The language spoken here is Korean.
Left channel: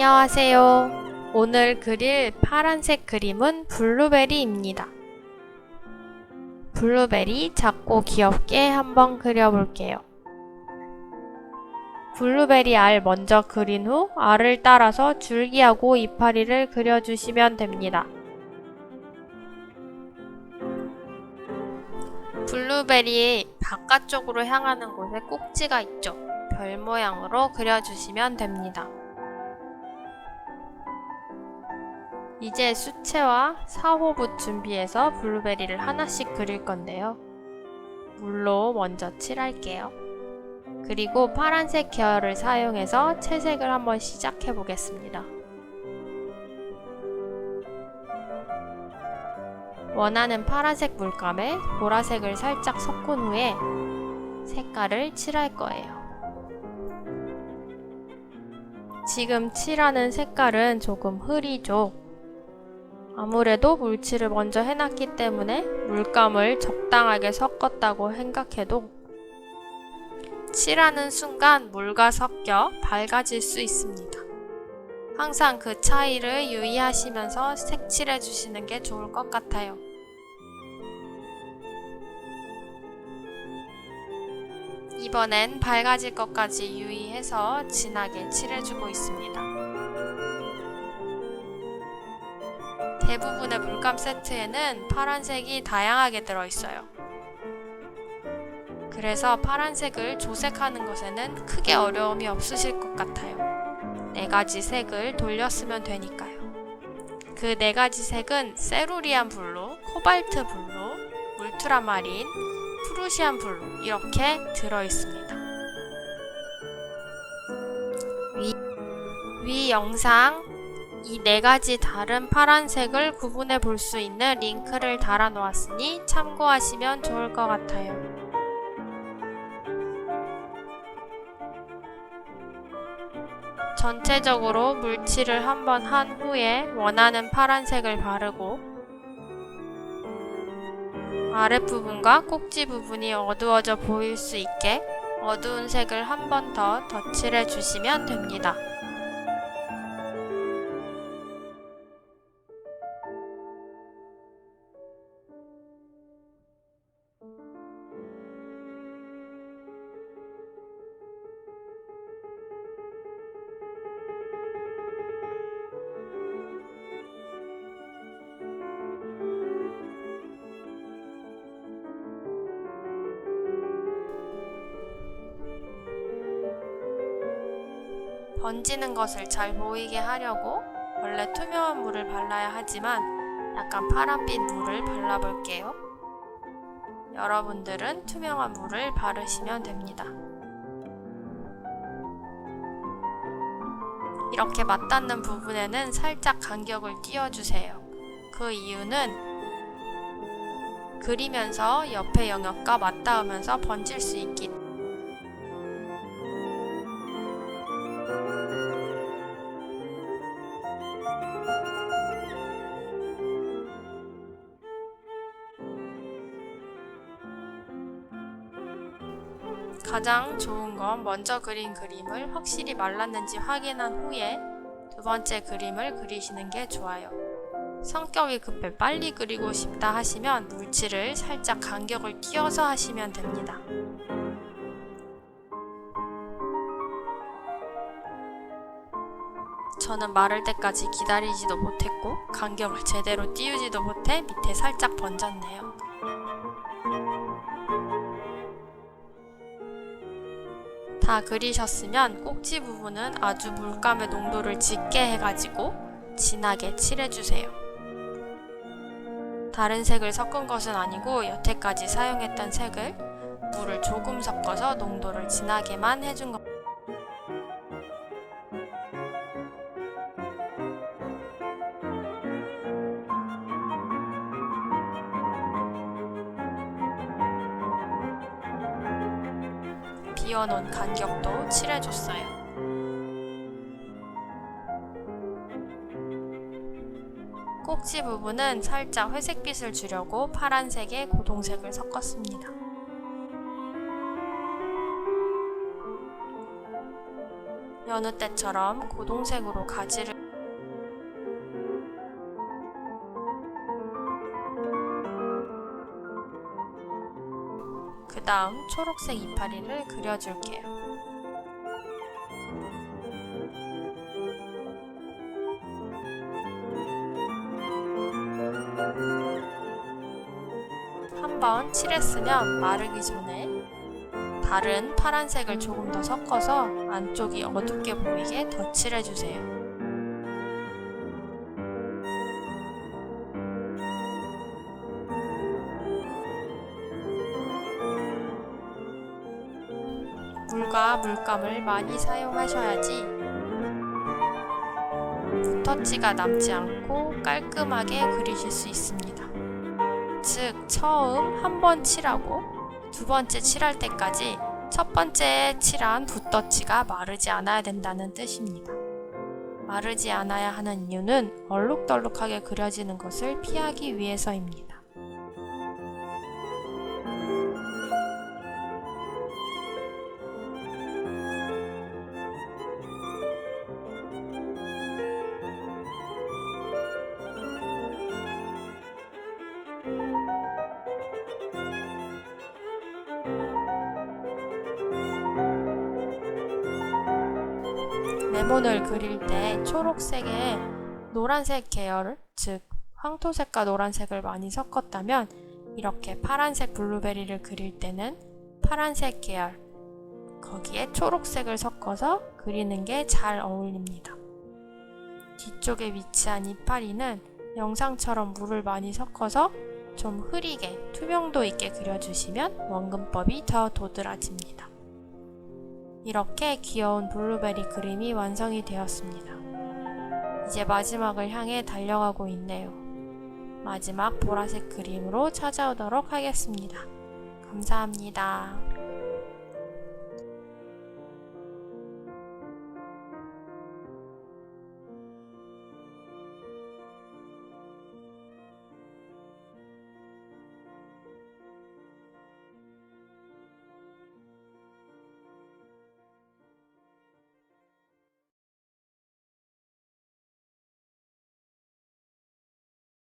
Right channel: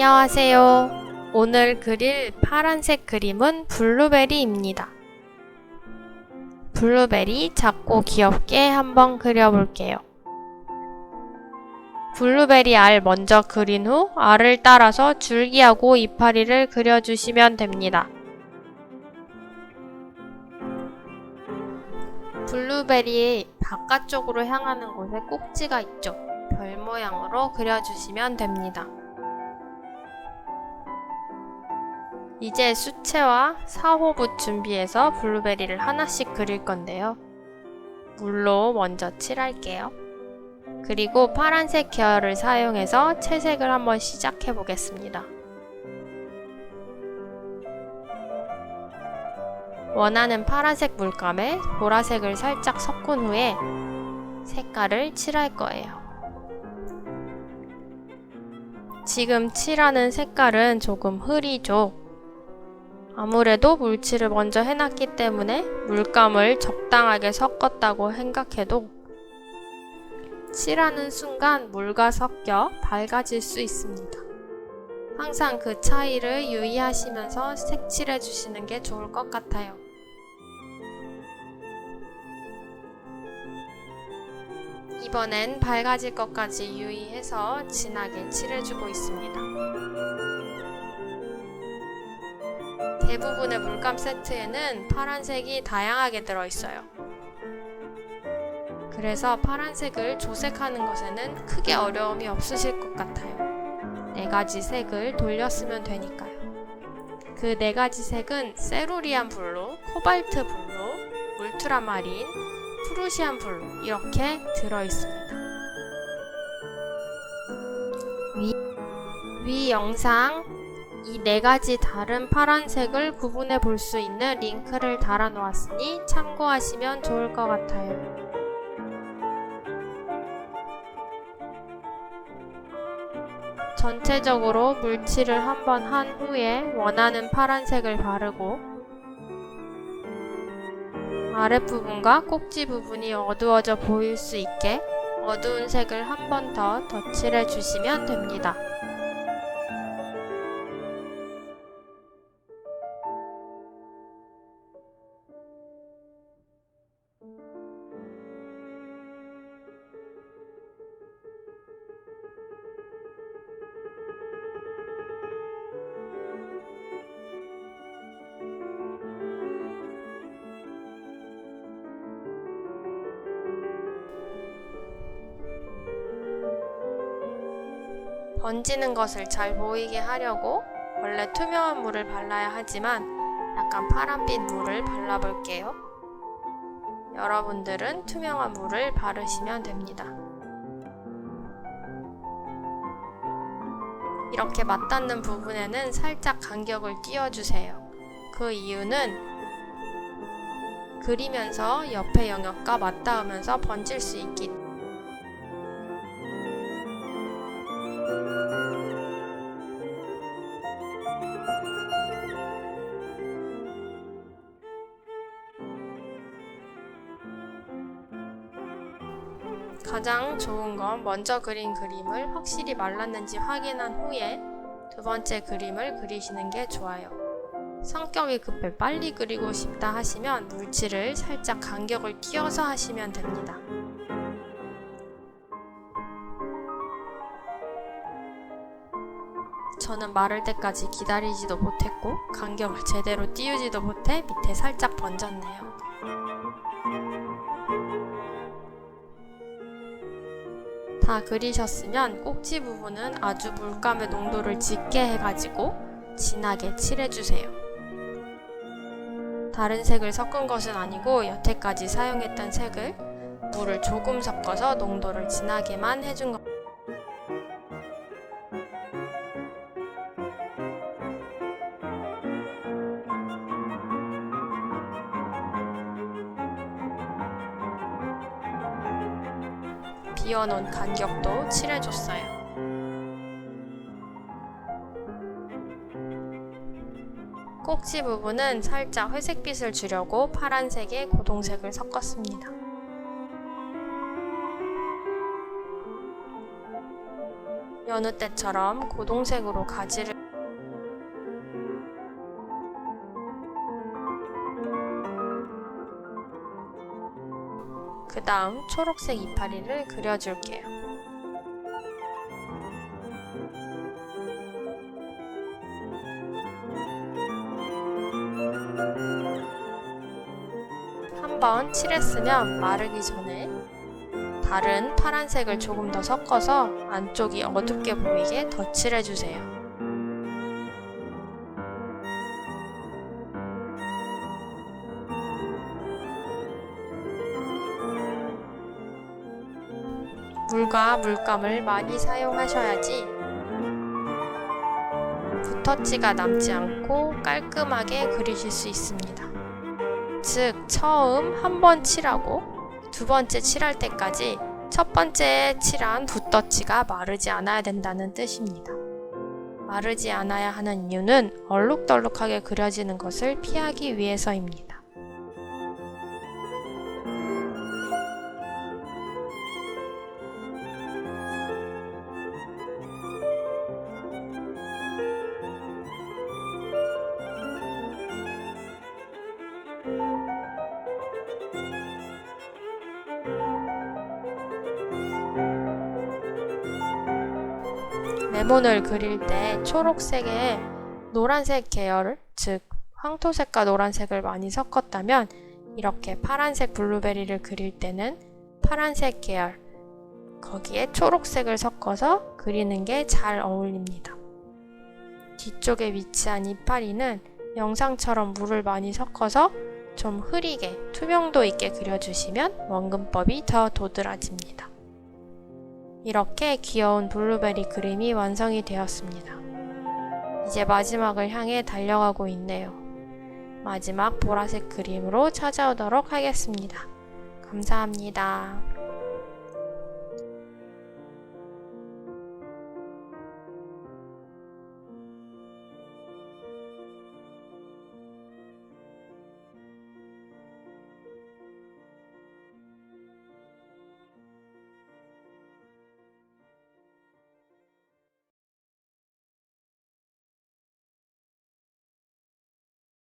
안녕하세요. 오늘 그릴 파란색 그림은 블루베리입니다. 블루베리 작고 귀엽게 한번 그려볼게요. 블루베리 알 먼저 그린 후 알을 따라서 줄기하고 이파리를 그려주시면 됩니다. 블루베리의 바깥쪽으로 향하는 곳에 꼭지가 있죠. 별 모양으로 그려주시면 됩니다. 이제 수채화 4호붓 준비해서 블루베리를 하나씩 그릴 건데요. 물로 먼저 칠할게요. 그리고 파란색 계열을 사용해서 채색을 한번 시작해 보겠습니다. 원하는 파란색 물감에 보라색을 살짝 섞은 후에 색깔을 칠할 거예요. 지금 칠하는 색깔은 조금 흐리죠. 아무래도 물칠을 먼저 해놨기 때문에 물감을 적당하게 섞었다고 생각해도 칠하는 순간 물과 섞여 밝아질 수 있습니다. 항상 그 차이를 유의하시면서 색칠해 주시는 게 좋을 것 같아요. 이번엔 밝아질 것까지 유의해서 진하게 칠해주고 있습니다. 대부분의 물감 세트에는 파란색이 다양하게 들어있어요. 그래서 파란색을 조색하는 것에는 크게 어려움이 없으실 것 같아요. 4가지 색을 돌렸으면 되니까요. 그 4가지 색은 세루리안 블루, 코발트 블루, 울트라마린, 프루시안 블루 이렇게 들어있습니다. 위 영상 이 4가지 다른 파란색을 구분해 볼 수 있는 링크를 달아 놓았으니 참고하시면 좋을 것 같아요. 전체적으로 물칠을 한번 한 후에 원하는 파란색을 바르고 아랫부분과 꼭지 부분이 어두워져 보일 수 있게 어두운 색을 한 번 더 덧칠해 주시면 됩니다. 번지는 것을 잘 보이게 하려고 원래 투명한 물을 발라야 하지만 약간 파란빛 물을 발라볼게요. 여러분들은 투명한 물을 바르시면 됩니다. 이렇게 맞닿는 부분에는 살짝 간격을 띄워주세요. 그 이유는 그리면서 옆의 영역과 맞닿으면서 번질 수 있기 때문에 가장 좋은 건 먼저 그린 그림을 확실히 말랐는지 확인한 후에 두 번째 그림을 그리시는 게 좋아요. 성격이 급해 빨리 그리고 싶다 하시면 물칠을 살짝 간격을 띄워서 하시면 됩니다. 저는 마를 때까지 기다리지도 못했고 간격을 제대로 띄우지도 못해 밑에 살짝 번졌네요. 다 그리셨으면 꼭지 부분은 아주 물감의 농도를 짙게 해가지고 진하게 칠해주세요. 다른 색을 섞은 것은 아니고 여태까지 사용했던 색을 물을 조금 섞어서 농도를 진하게만 해준 것. 비워놓은 간격도 칠해줬어요. 꼭지 부분은 살짝 회색빛을 주려고 파란색에 고동색을 여느 때처럼 고동색으로 가지를 그 다음 초록색 이파리를 그려줄게요. 한번 칠했으면 마르기 전에 다른 파란색을 조금 더 섞어서 안쪽이 어둡게 보이게 덧칠해주세요. 물과 물감을 많이 사용하셔야지 붓터치가 남지 않고 깔끔하게 그리실 수 있습니다. 즉, 처음 한 번 칠하고 두 번째 칠할 때까지 첫 번째 칠한 붓터치가 마르지 않아야 된다는 뜻입니다. 마르지 않아야 하는 이유는 얼룩덜룩하게 그려지는 것을 피하기 위해서입니다. 레몬을 그릴 때 초록색에 노란색 계열, 즉 황토색과 노란색을 많이 섞었다면 이렇게 파란색 블루베리를 그릴 때는 파란색 계열, 거기에 초록색을 섞어서 그리는 게 잘 어울립니다. 뒤쪽에 위치한 이파리는 영상처럼 물을 많이 섞어서 좀 흐리게 투명도 있게 그려주시면 원근법이 더 도드라집니다. 이렇게 귀여운 블루베리 그림이 완성이 되었습니다. 이제 마지막을 향해 달려가고 있네요. 마지막 보라색 그림으로 찾아오도록 하겠습니다. 감사합니다.